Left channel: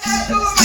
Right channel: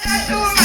Hello,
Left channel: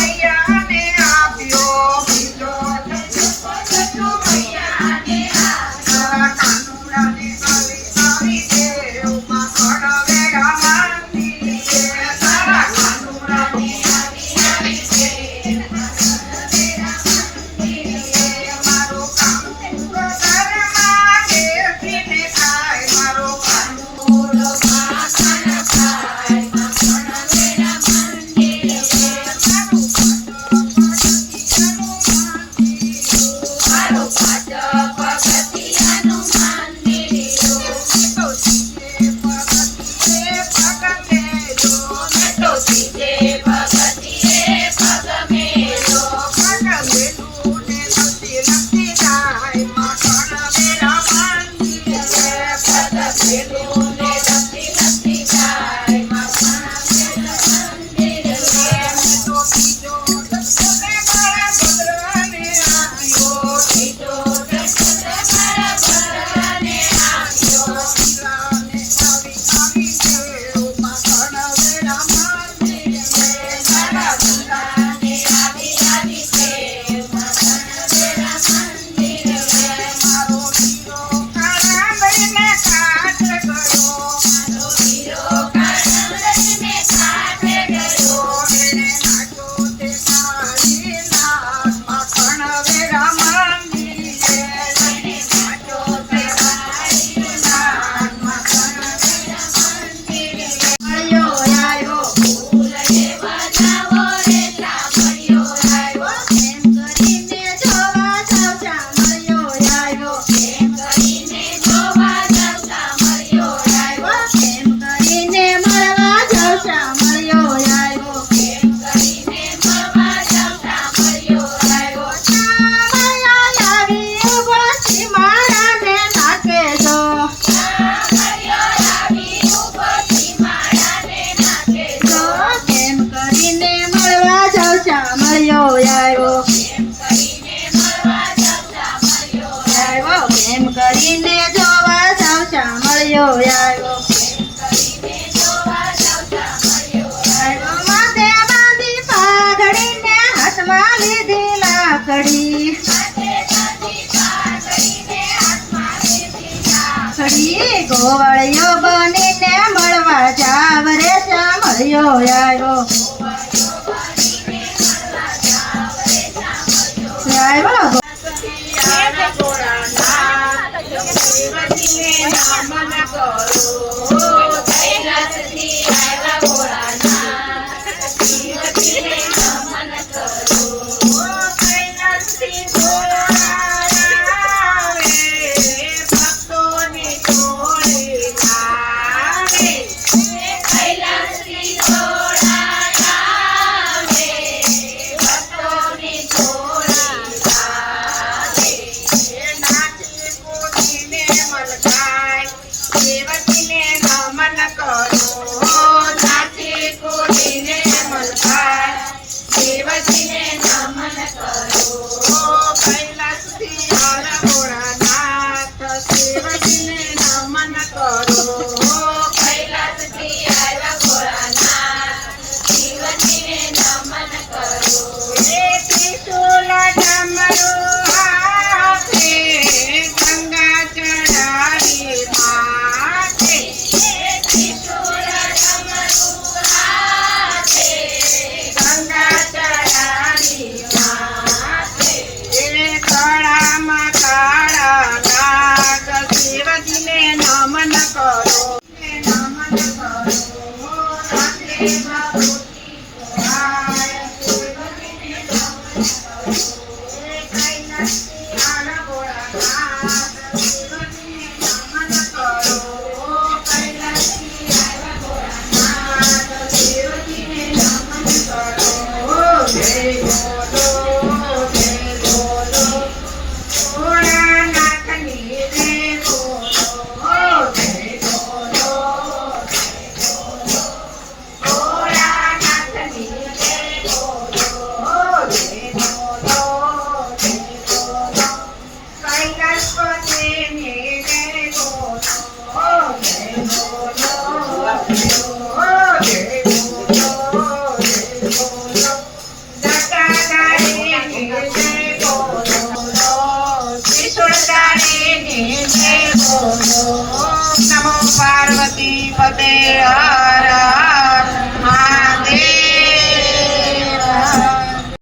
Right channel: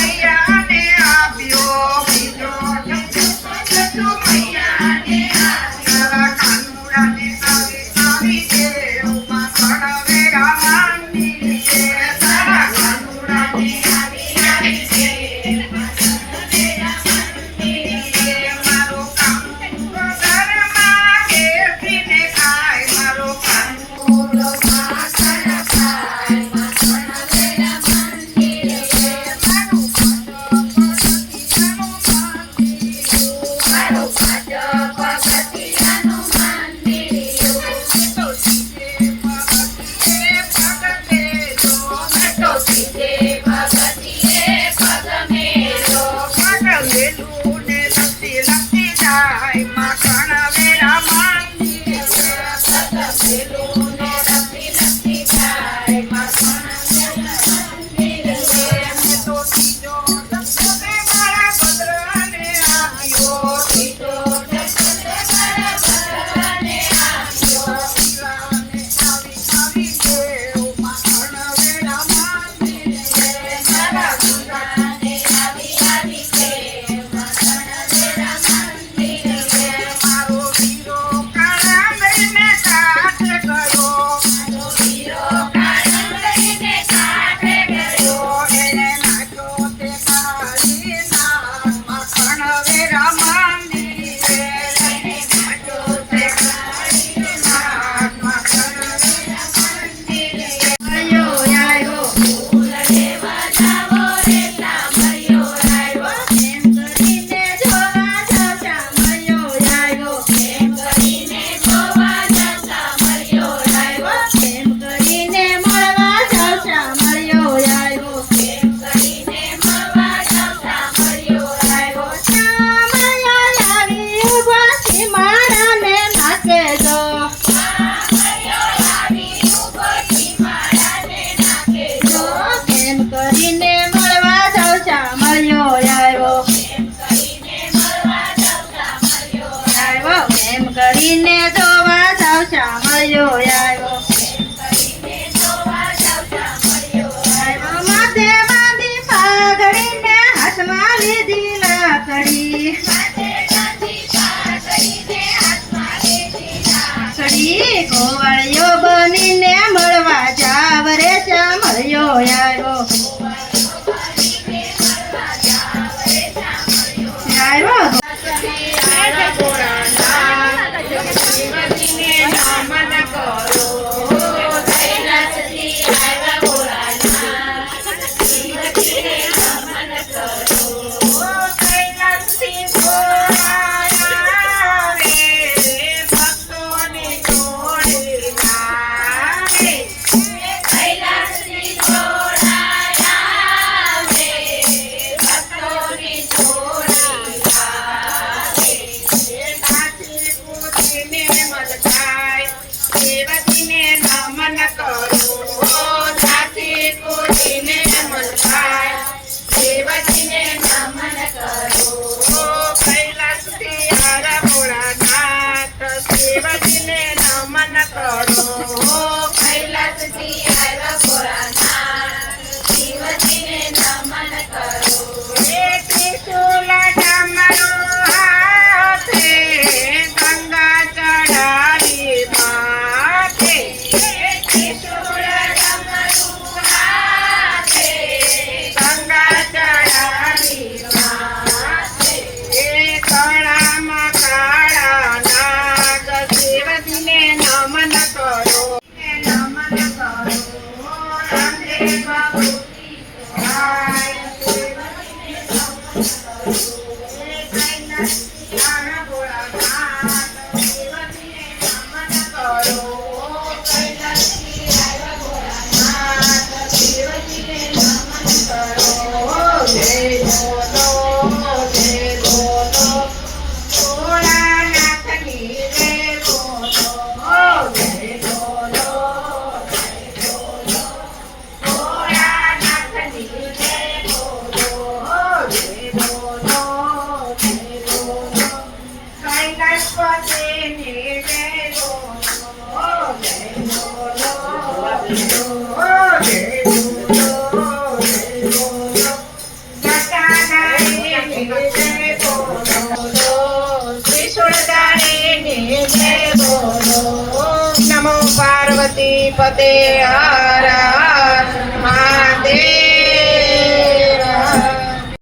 પતે હર હર મહાદેવ।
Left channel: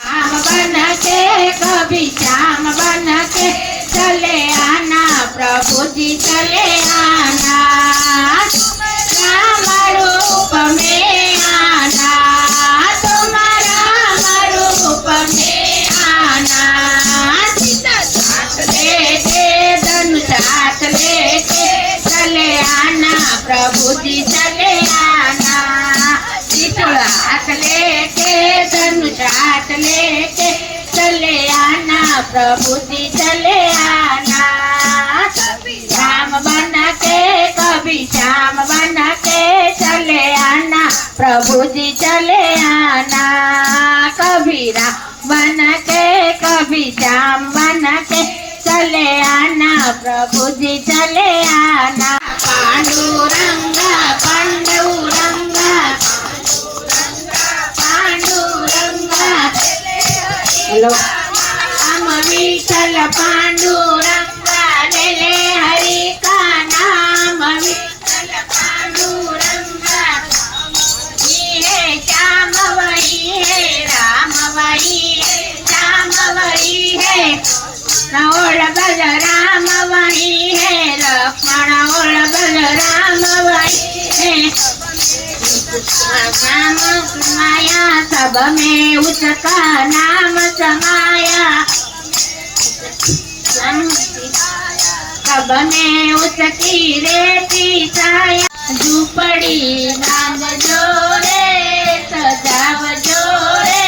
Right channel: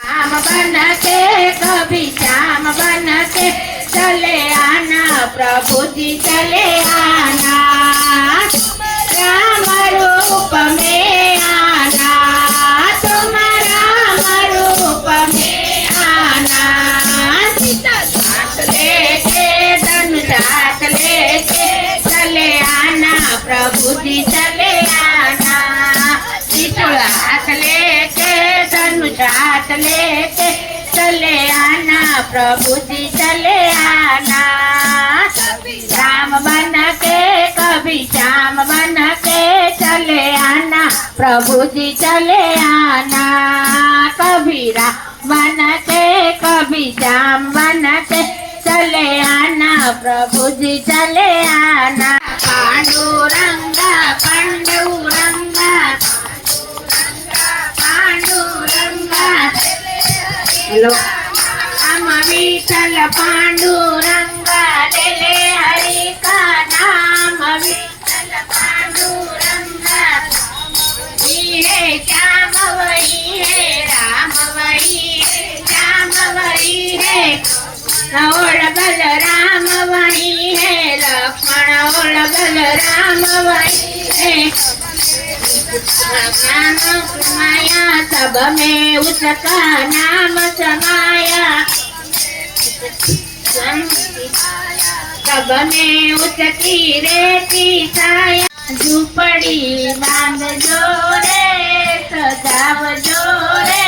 श्याम बन के कभी श्याम बन के चले आना प्रभु जी चले आना राम रूप में आना तुम राम रूप में आना सीता साथ लेके धनुष हाथ लेके चले आना प्रभु जी चले आना त्रिशूल हाथ लेके धनुष हाथ लेके चले आना प्रभु जी चले आना राम बन के कभी श्याम बन के चले आना प्रभु जी चले आना कभी राम बन के कभी श्याम बन के चले आना प्रभु जी चले आना पांडुरंगा पांडुरंगा पांडुरंगा हेलो हम विठल पांडुरंगा ले ले हरि का नाम विठल पांडुरंगा वही है श्याम वही है राम वही है श्याम वही है और बलराम वही है लक्ष्मण और बलराम वही है राम माया सब में उसका नाम समाया सब में उसकी रेती छाया झूपड़ी बांध जोरे सजाव जोरे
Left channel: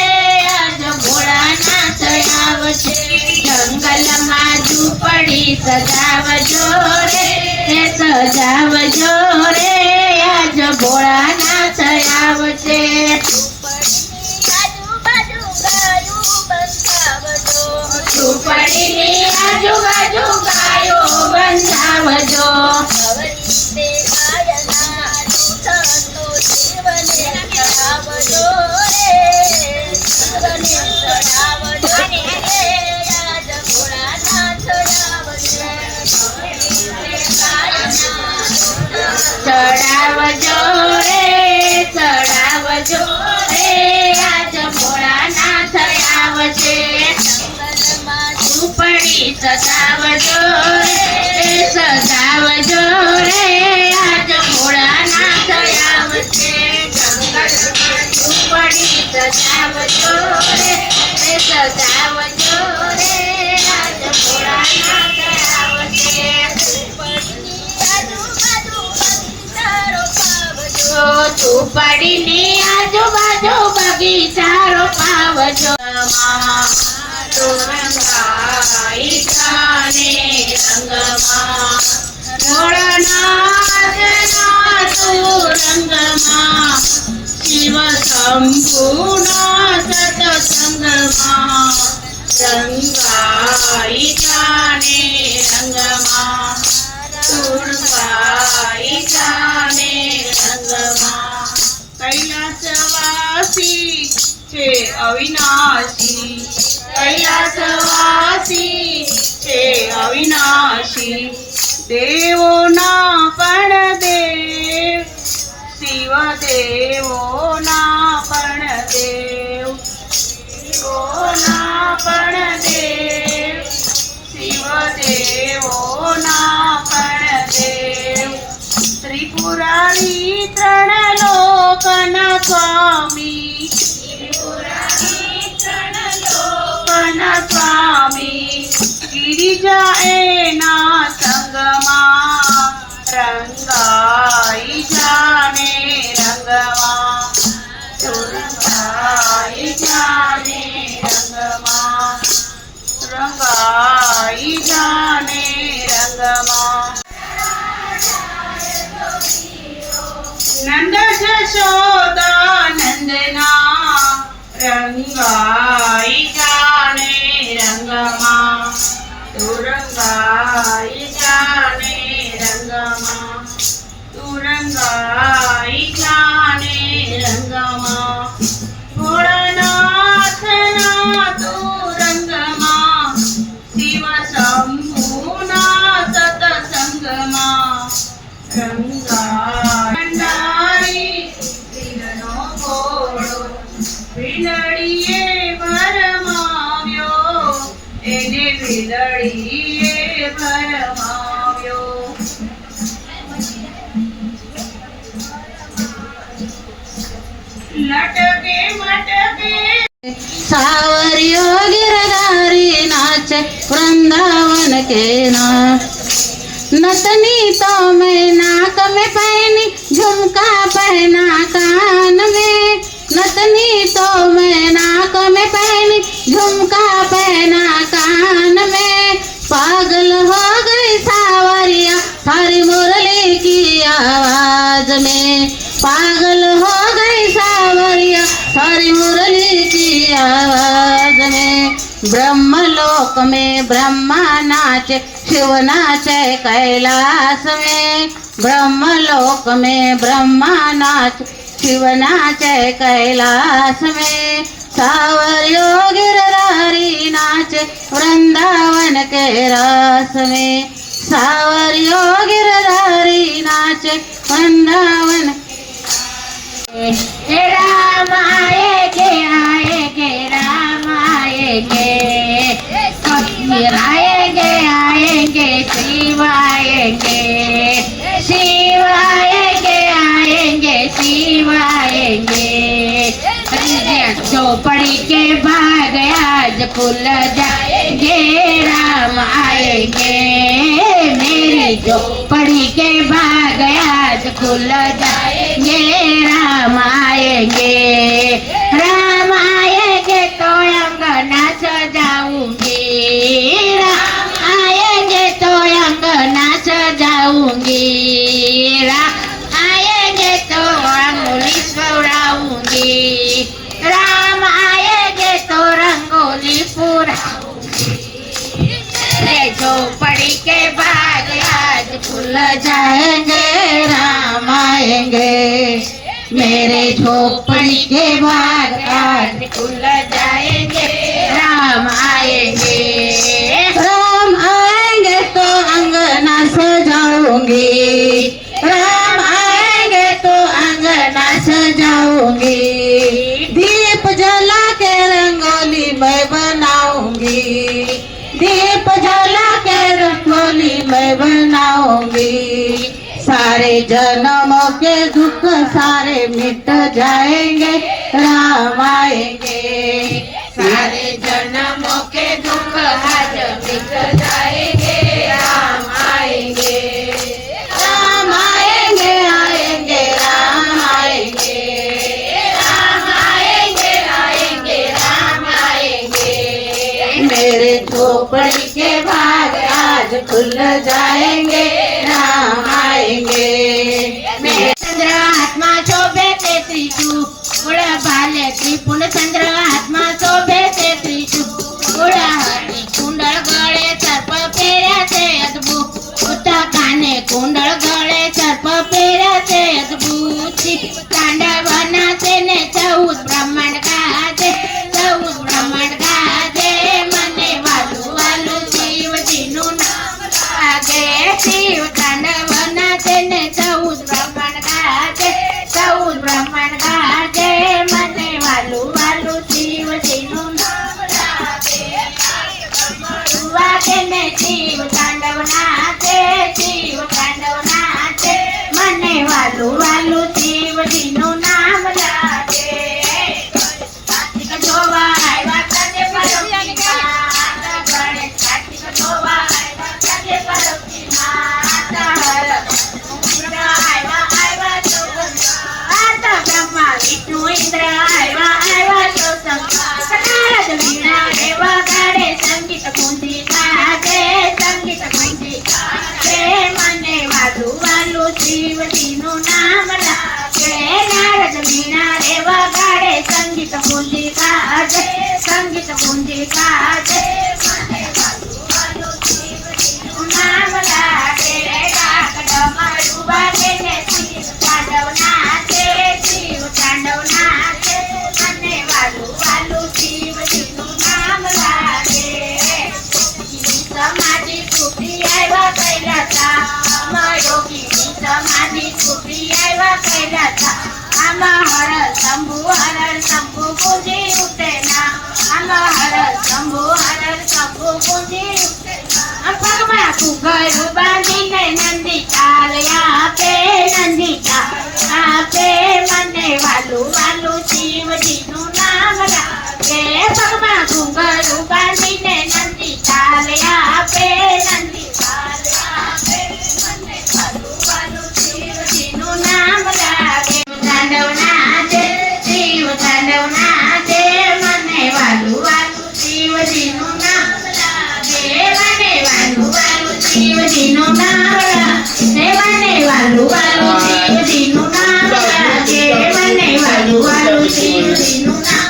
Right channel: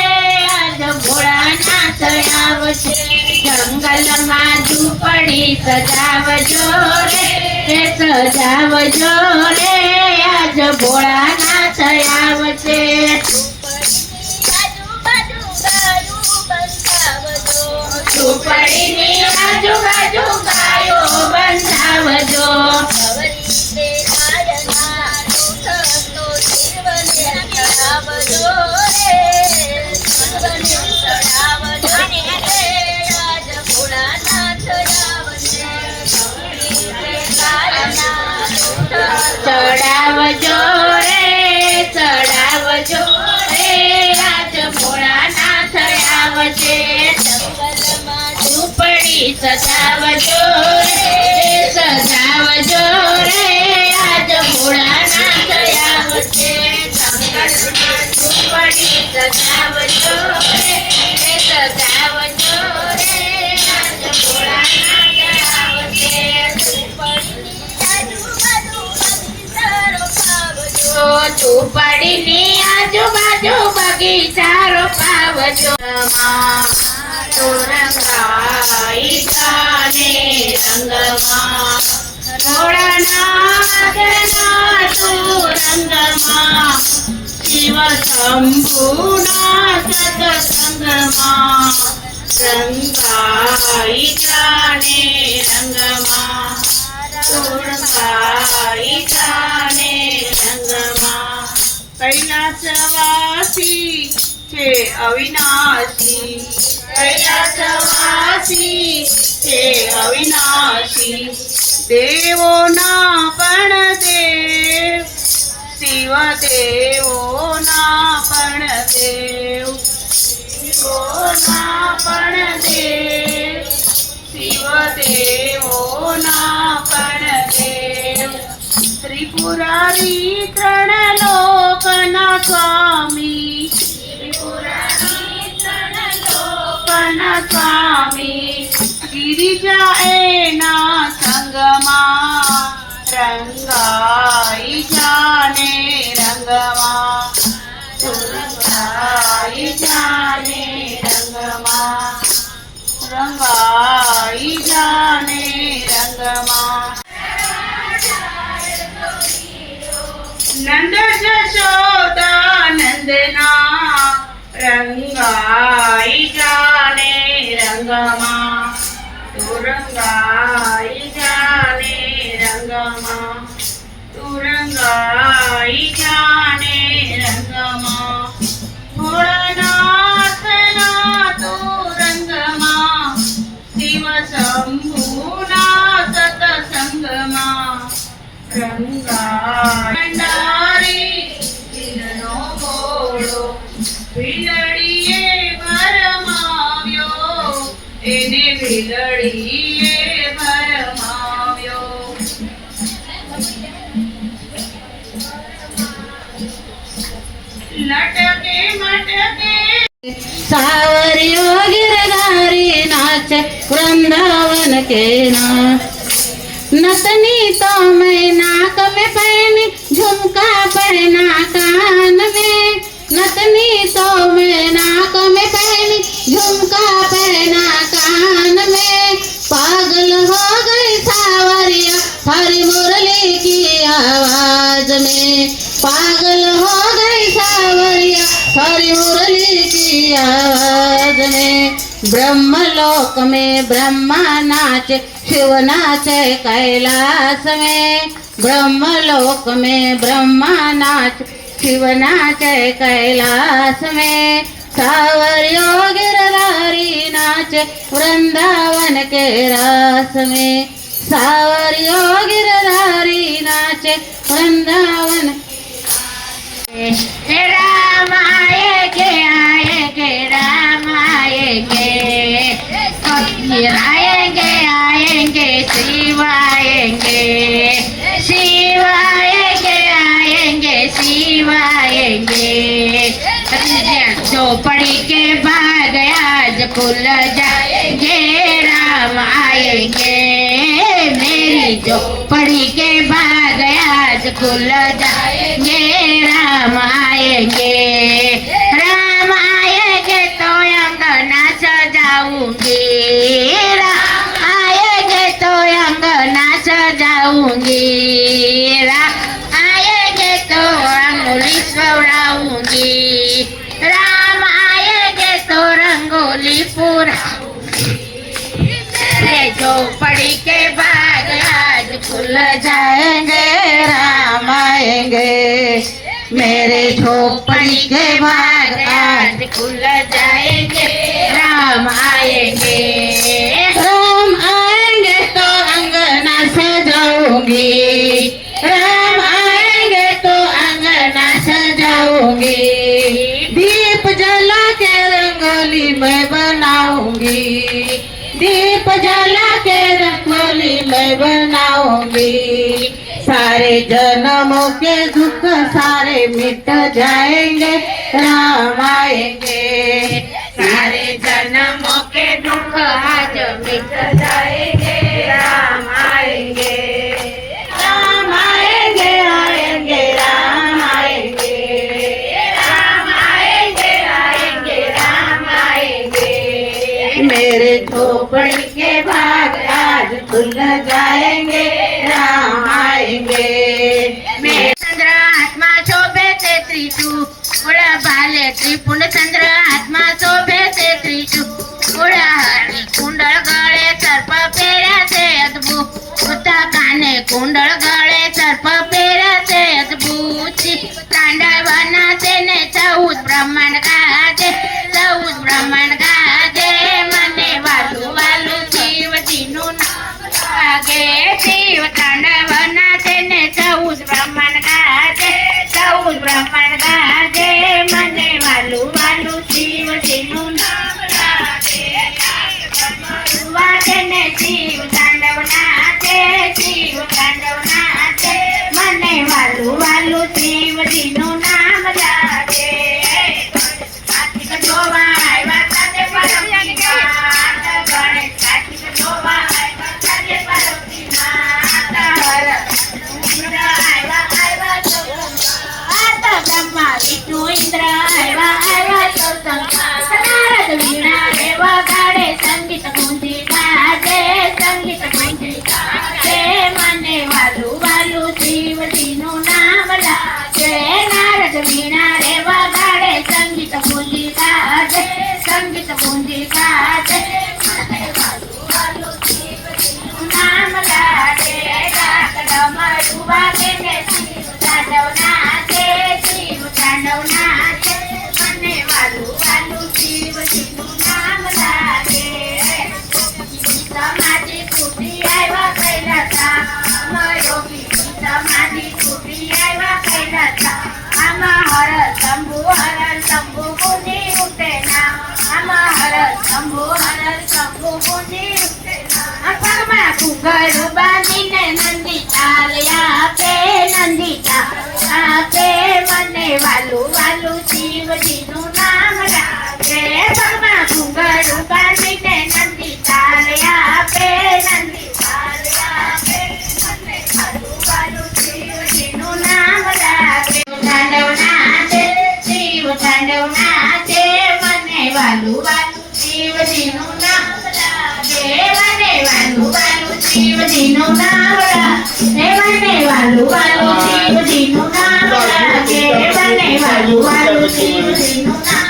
आज भोळानाथ आवशे जंगल में झूपड़ी सजाव जोरे सजाव जोरे आज भोळानाथ आवशे झूपड़ी आजू बाजू गायो बंधावजो चढ़ावजो रे चढ़ावजो रे आज भोळानाथ आवशे झूपड़ी सजावजो रे सजावजो रे आज भोळानाथ आवशे जंगल में झूपड़ी सजावजो रे सजावजो रे आज भोळानाथ आवशे झूपड़ी नी आजू बाजू बगीचा रोपावजो रंगाई जाने रंगमा भोळानाथना तू रंगमा शिव शंभुना सत्संगमा रंगाई जाने रंगमा तू रंगाई जाने रंगमा कैलासवासी छे अविनाशी कैलासवासी छे अविनाशी देवो ना पण देव शिव देवो ना पण देव देवो ना पण देव शिव देवो ना पण देव त्रिपुरारी त्रण लोकना स्वामी स्वामी गिरिजा एना संगमा रंगाई जाने रंगमा रंगाई जाने रंगमा रंगाई जाने रंगमा नंद जशोदा नंदना रंगाई जाने रंगमा तू रंगाई जाने रंगमा तू रंगाई जाने रंगमा भोळानाथ ना तू रंगमा शिव शंभुना सत्संगमा रंगाई लटके मटके सावरियो गिरधारी नाच वृंदावन के नाच नतनी तो मैं नाक में पहनी झुमका पहना कान में नतनी तो मैं नाक में पहनी झुमका पहना कान में पागल हो गई सावरिया हरी मुरली की आवाज में पागल हो गई सावरिया हरी मुरली की आवाज में ब्रह्मलोक में ब्रह्मा नाचे शिव नाचे कैलाश में ब्रह्मलोक में ब्रह्मा नाचे शिव नाचे कैलाश में सावरियो गिरधारी नाचे वृंदावन के रास में सावरियो गिरधारी नाचे वृंदावन राम आएंगे आएंगे राम आएंगे आएंगे आएंगे शिव आएंगे शिव आएंगे आएंगे शिव आएंगे झोपड़ी के बाद आज खुल जाएंगे राम आएंगे मेरी झोपड़ी के बाद आज खुल जाएंगे राम आएंगे राम आएंगे तो अंगना सजाऊंगी राम आएंगे तो अंगना सजाऊंगी राम आएंगे तो अंगुली सवराऊंगी राम आएंगे तो रंगोली पूरा झोपड़ी के बाद आज खुल जाएंगे राम आएंगे मेरे झोपड़ी के बाद आज खुल जाएंगे राम आएंगे राम आएंगे तो अंगना सजाऊंगी राम आएंगे तो अंगना सजाऊंगी दीप जला के रंगोली मैं बनाऊंगी दीप जला के रंगोली मैं बनाऊंगी सारे जन्मों के दुख सारे मिट जाएंगे राम आएंगे सारे जन्मों के दुख आज मिट जाएंगे राम आएंगे राम आएंगे आएंगे राम आएंगे राम आएंगे आएंगे राम आएंगे मेरे झोपड़ी के भाग आज खुल जाएंगे राम आएंगे मेरे चंद्र आत्मा शोभे ते त्रिशूल उड़ा भाले त्रिपुंड चंद्र आत्मा शोभे ते त्रिशूल उड़ा हरी कुंडल गळे सर्प पेराचे अद्भुत उता काने कुंडल गळे सर्प पेराचे अद्भुत तांडवनाचे ने 14 ब्रह्मांड गाजे 14 ब्रह्मांड गाजे मने वालू वालू शिव जीनु नाम लागे शिव तांडवनाचे ने 14 ब्रह्मांड गाजे 14 ब्रह्मांड गाजे मने वालू वालू शिव जीनु नाम लागे वागे ने शिव तांडवनाचे मने वालू वालू शिव जीनु नाम लागे कार्तिक जोवा आयवा काटे पार्वती नाथ गणेश कार्तिक जोवा आयवा काटे पार्वती नाथ इंद्र आयवा आयवा तो संघात ब्रह्मा विष्णु इंद्र आयवा आयवा तो संघात नारद वीणा देव गाडे संगीत कुंजी गाजे संगीत कुंजी गाजे मने वालू वालू शिव जीनु नाम लागे नारद वीणा देव गाडे संगीत कुंजी गाजे संगीत कुंजी गाजे मने वालू वालू शिव जीनु नाम लागे राग डमरू वागे ने शिव तांडव नाचे मने वालू वालू शिव जीनु नाम लागे समाधि टूटी आयवा कैलासा योगी समाधि टूटी आयवा कैलासा हर शंभु बुद्धि उठे ना हर शंभु बुद्धि उठे ना पगमा कुगर बांधी ने नंदी चाल यहाँ पे नंदी चाल શિવજીનું નામ રાખે મને વાલું વાલું શિવજીનું નામ રાખે મને વાલું વાલું શિવજીનું નામ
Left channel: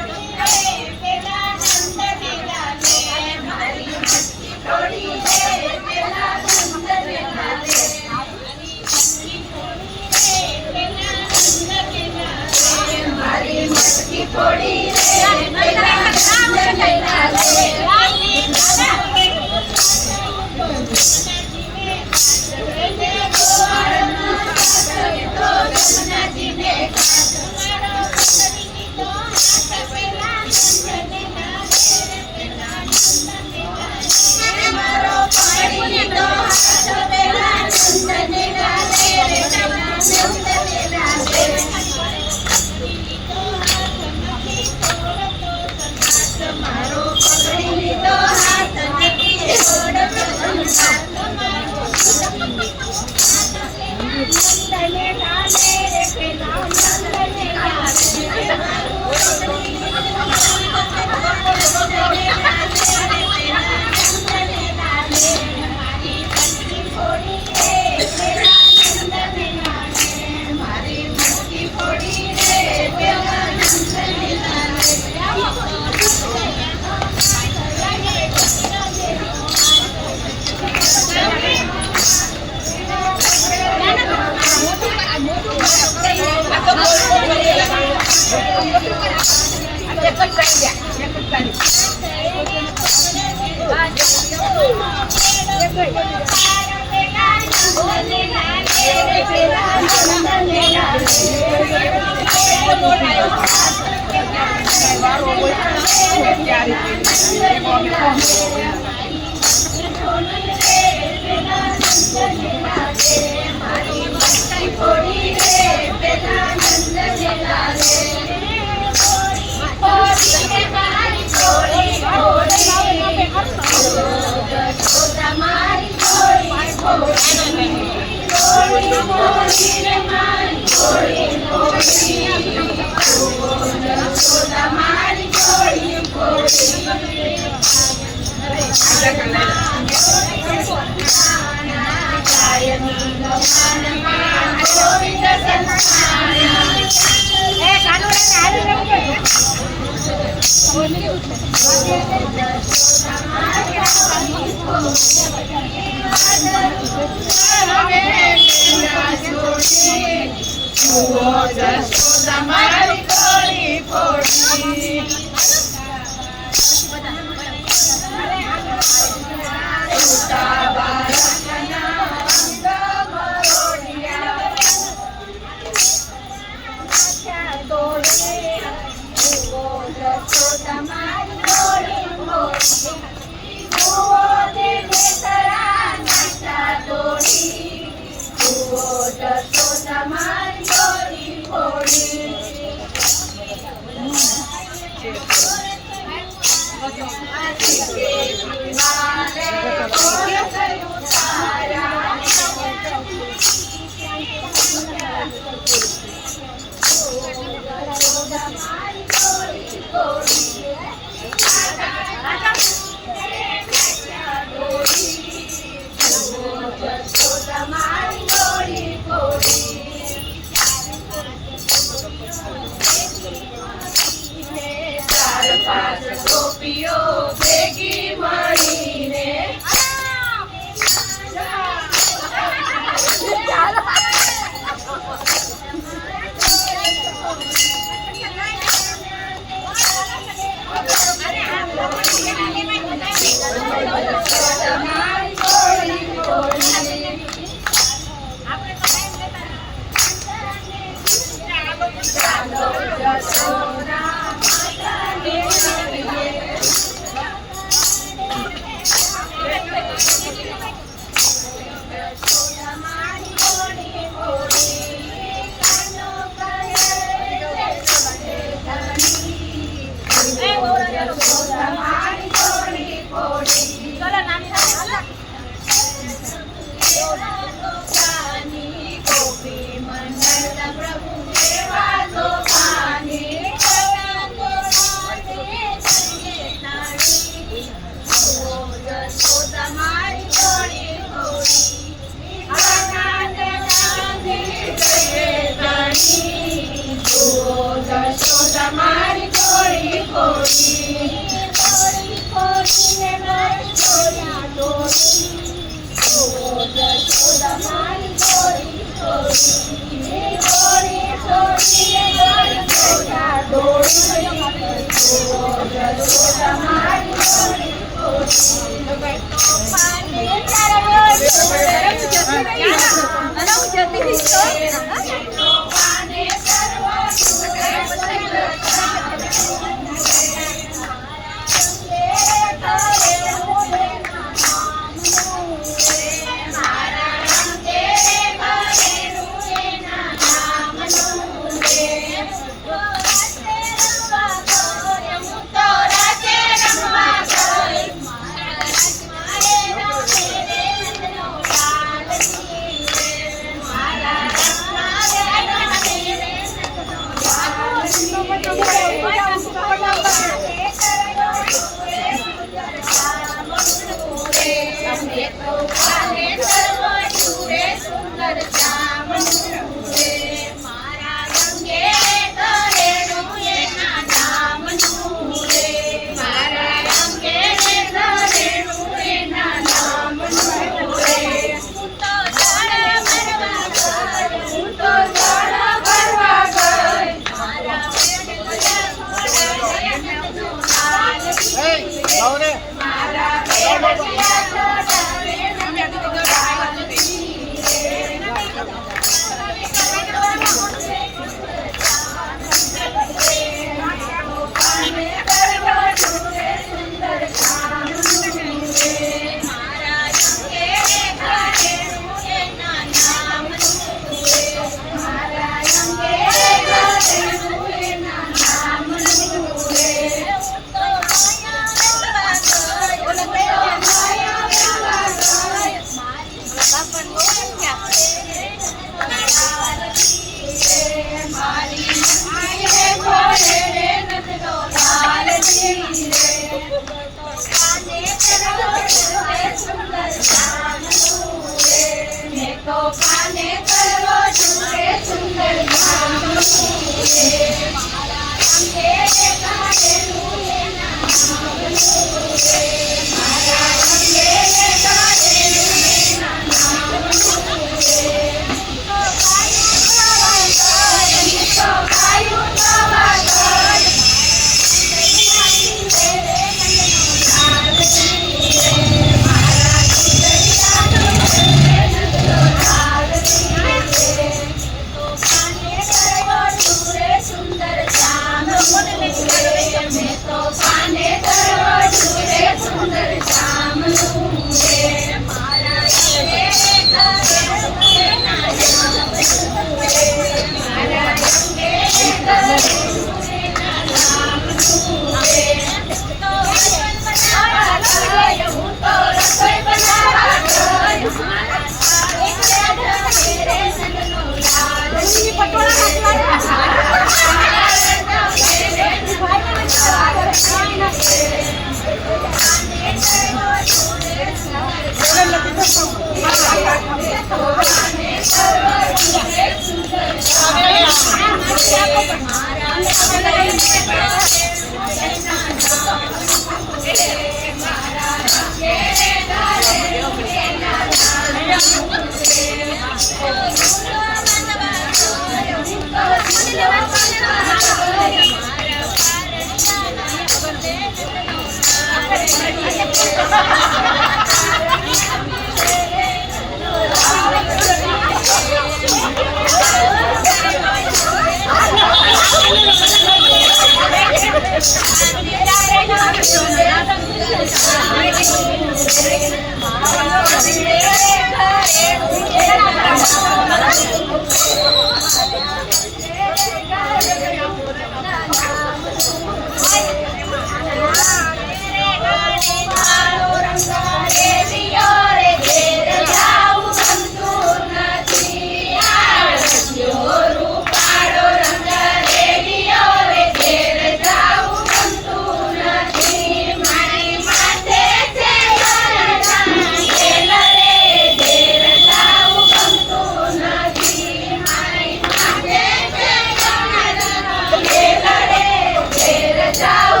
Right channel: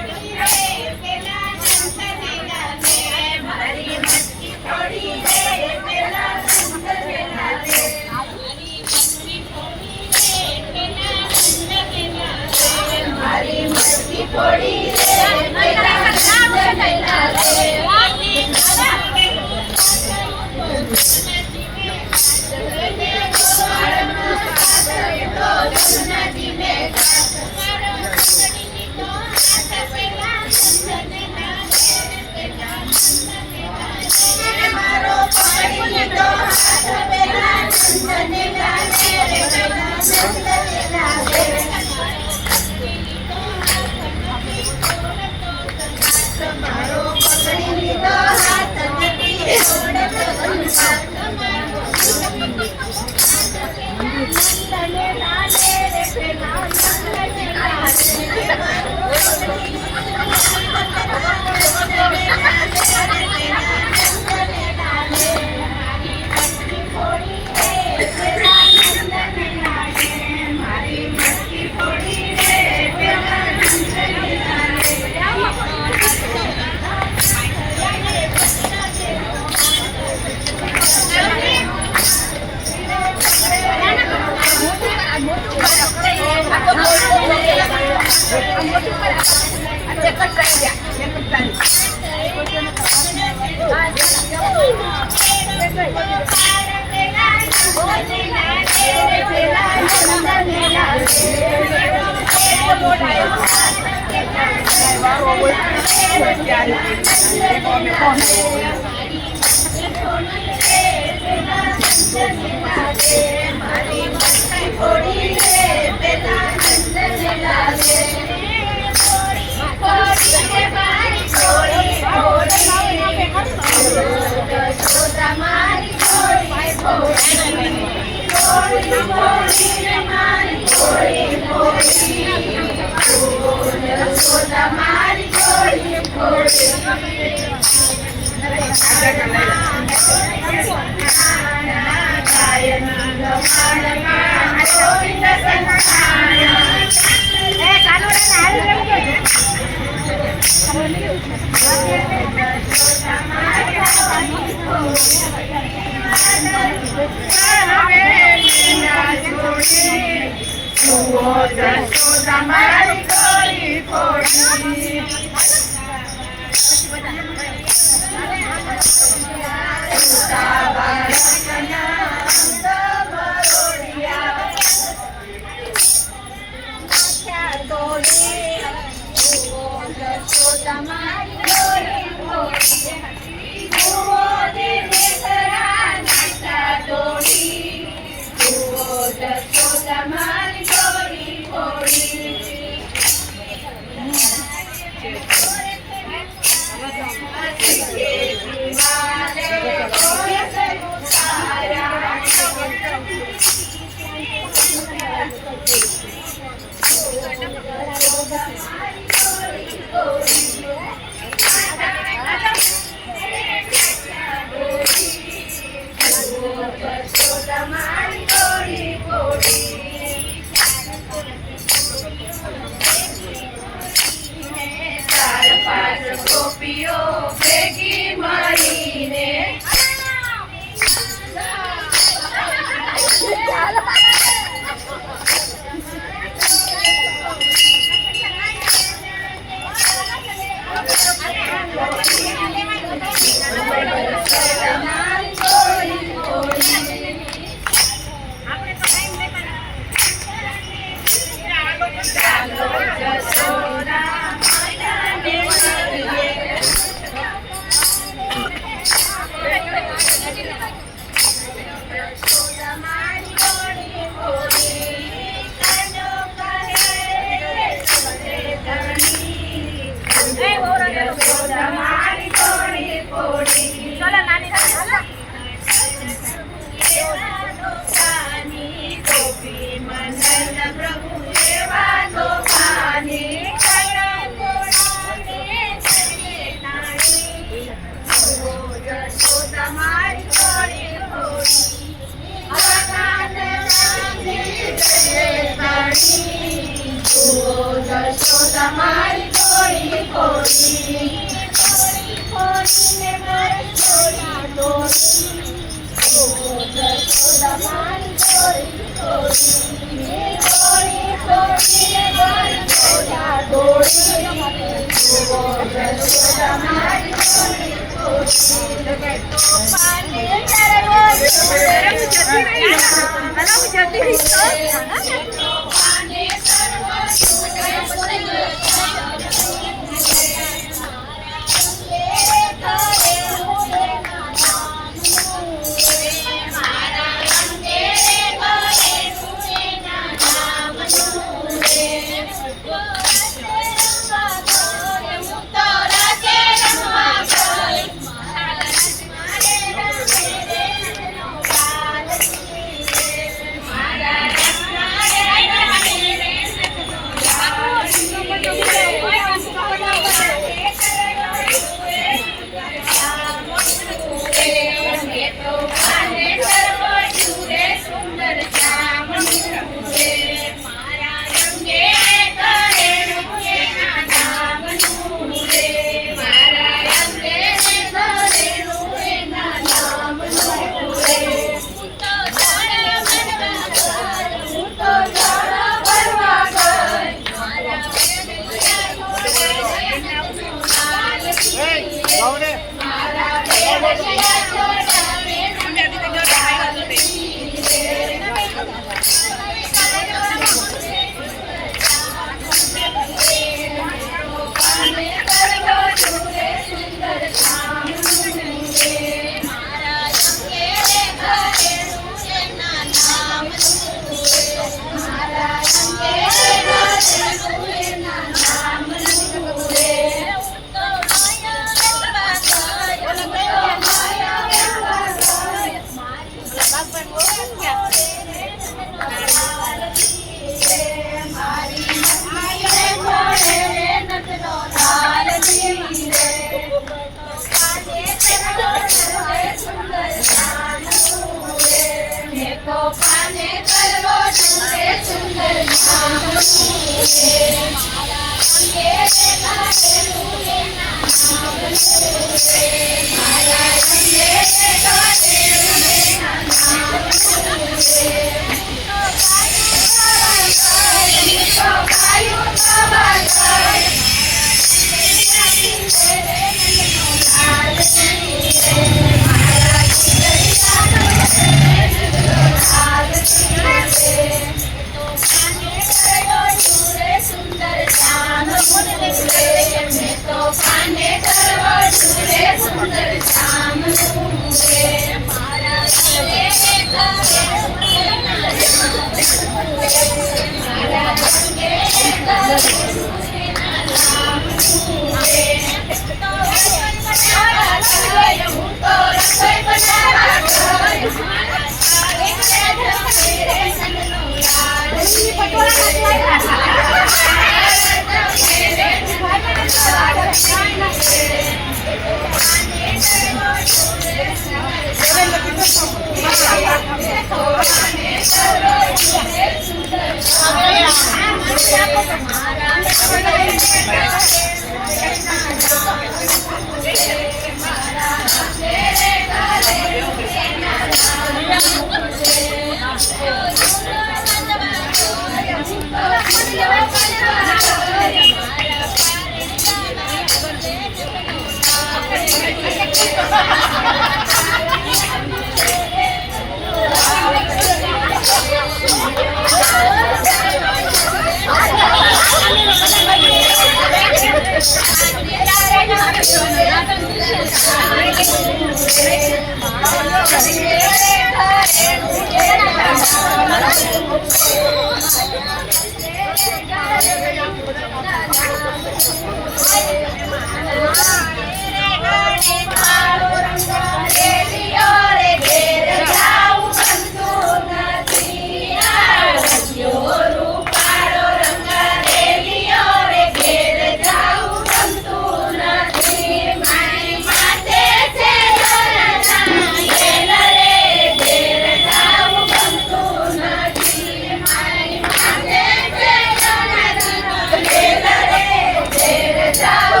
જાઓ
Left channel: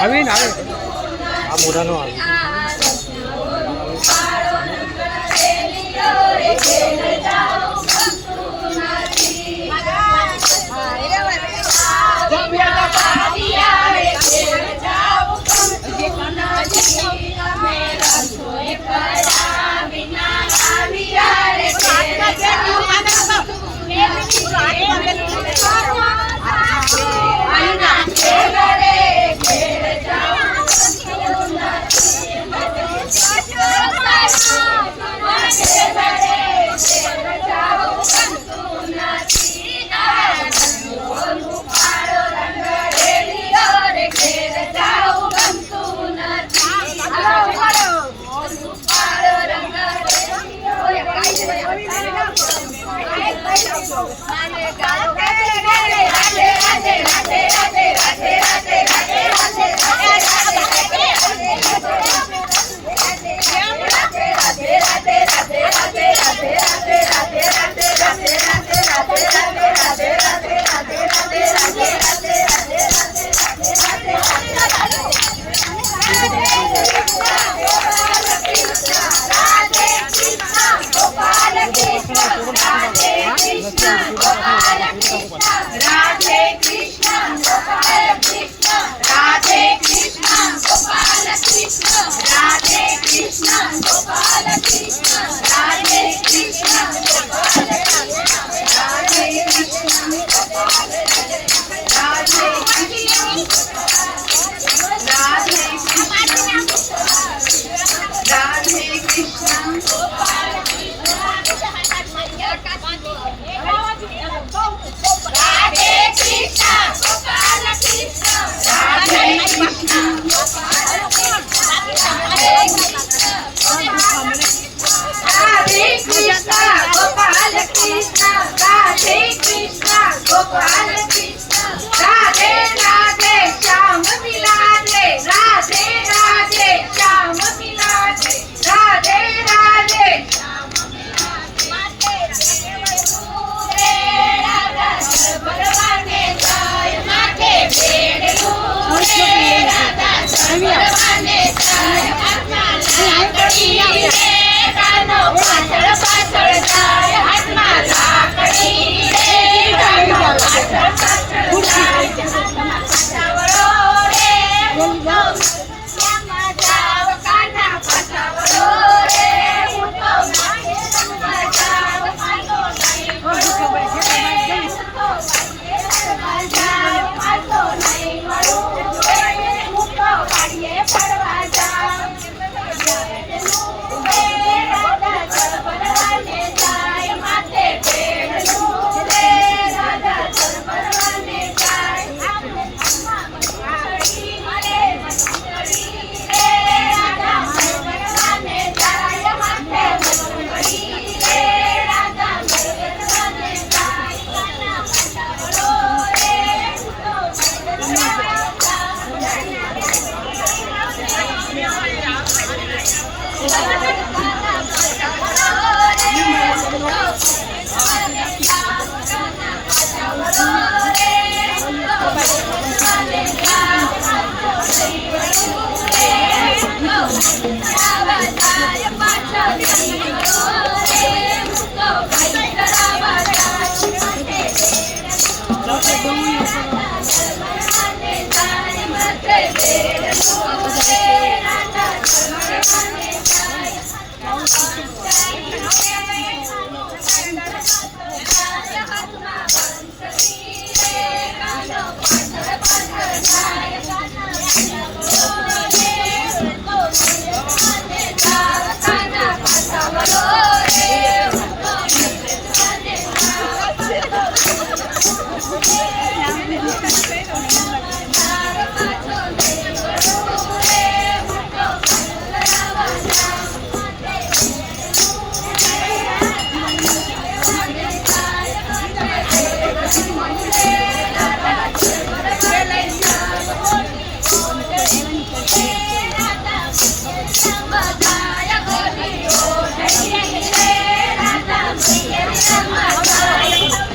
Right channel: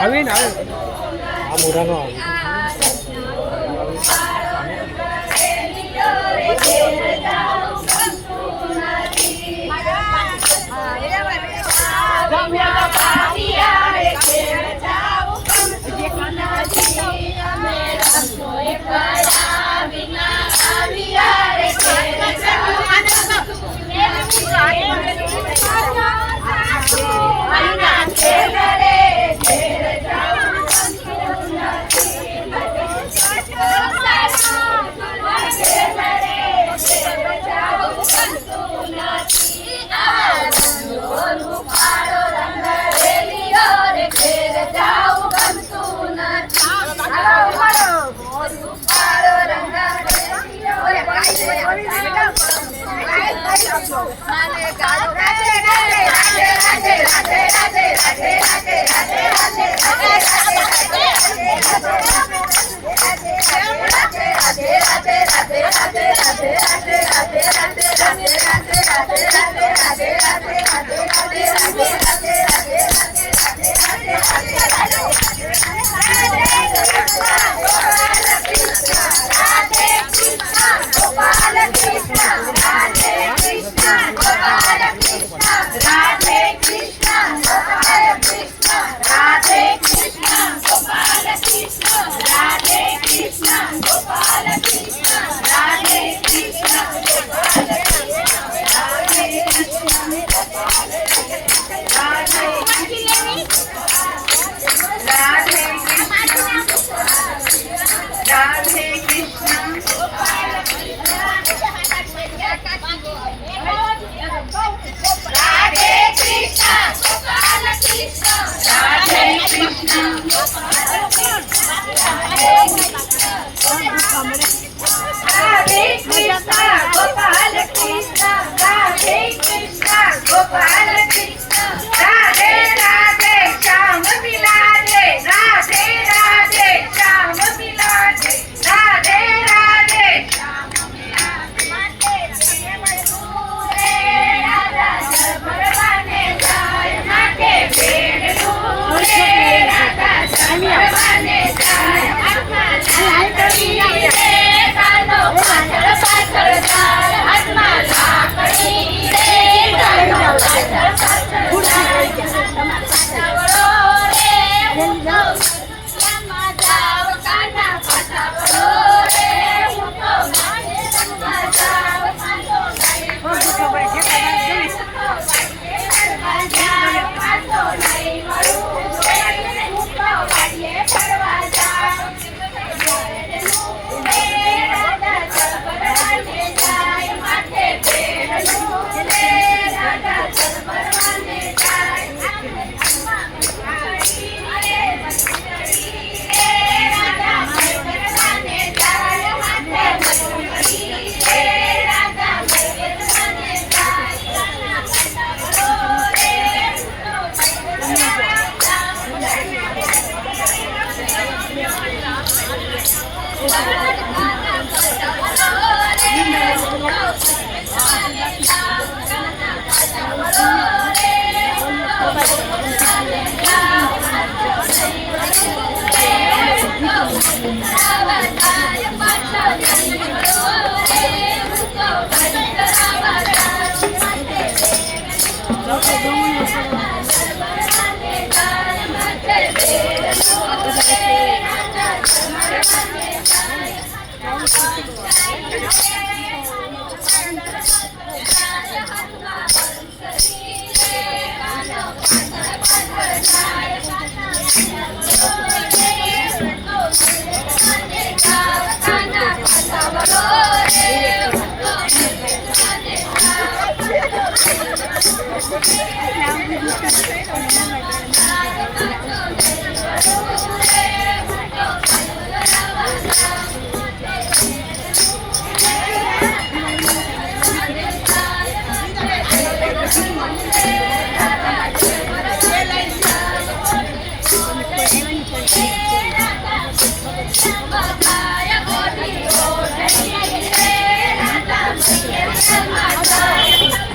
આવે ને આવે આ મોઢાનો આવે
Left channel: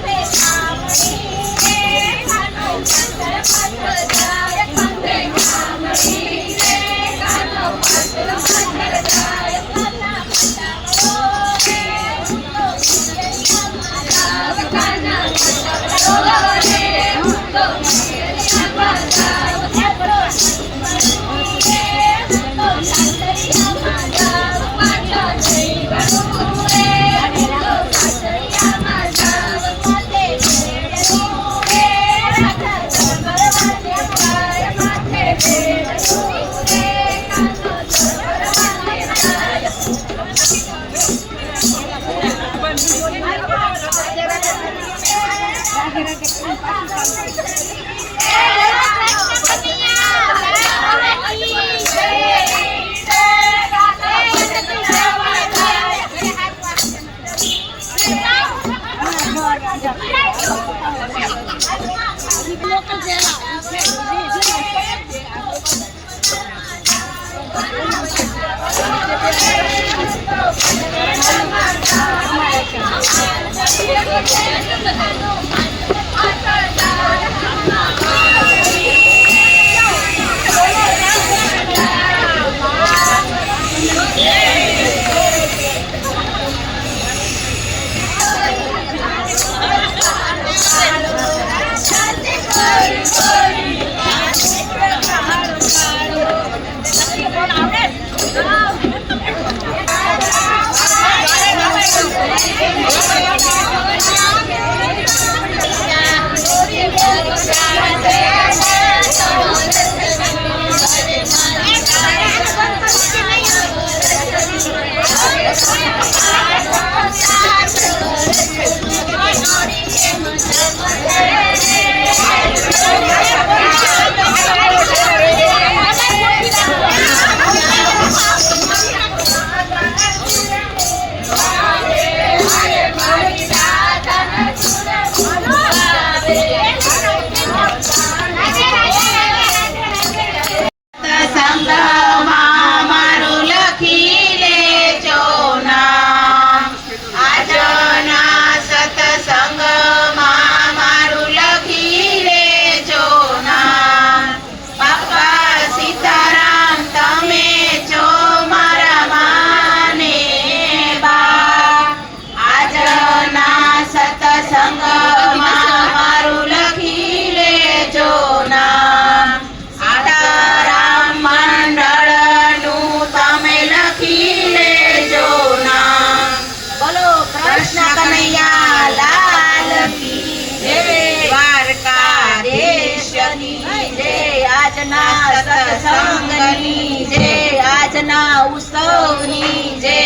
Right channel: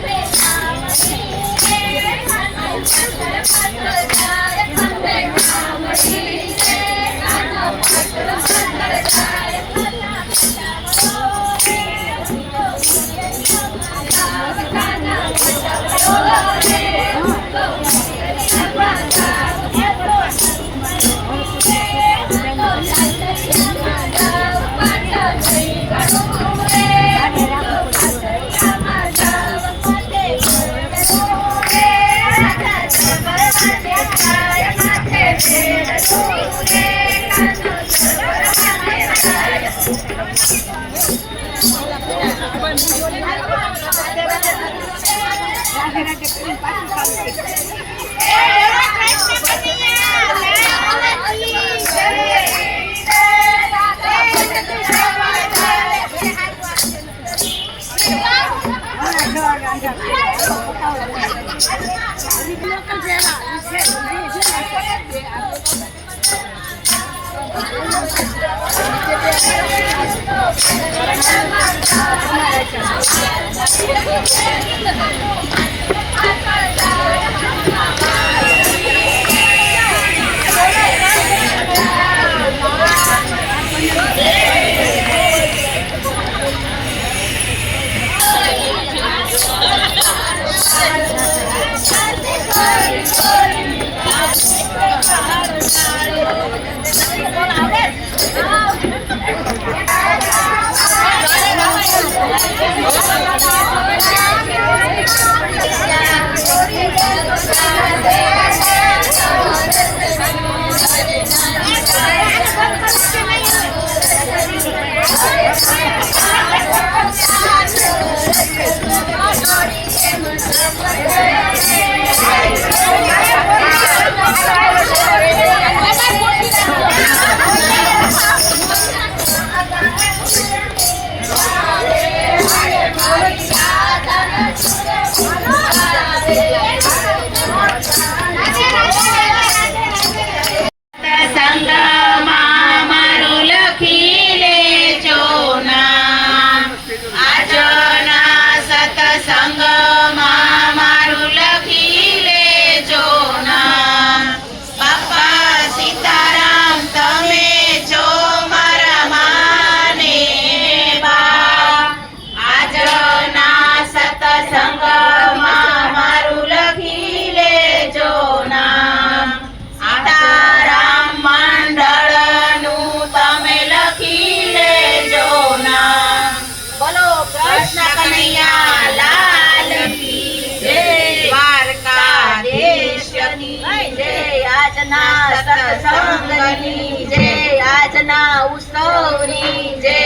Bye. સત્સંગમાં મારું લખી લેજો નામ. આજના સત્સંગમાં મારું લખી લેજો નામ. બાપા સીતારામ તમે છો મારા માને બા. આજના સત્સંગમાં મારું લખી લેજો નામ. સીતારામ મંડળનું તમે લખી લેજો નામ. બોલો કૃષ્ણ કનૈયા લાલ કી જય. દ્વારકાધીશ કી જય. આજના સત્સંગની જય. આજના ઉત્સવની જય.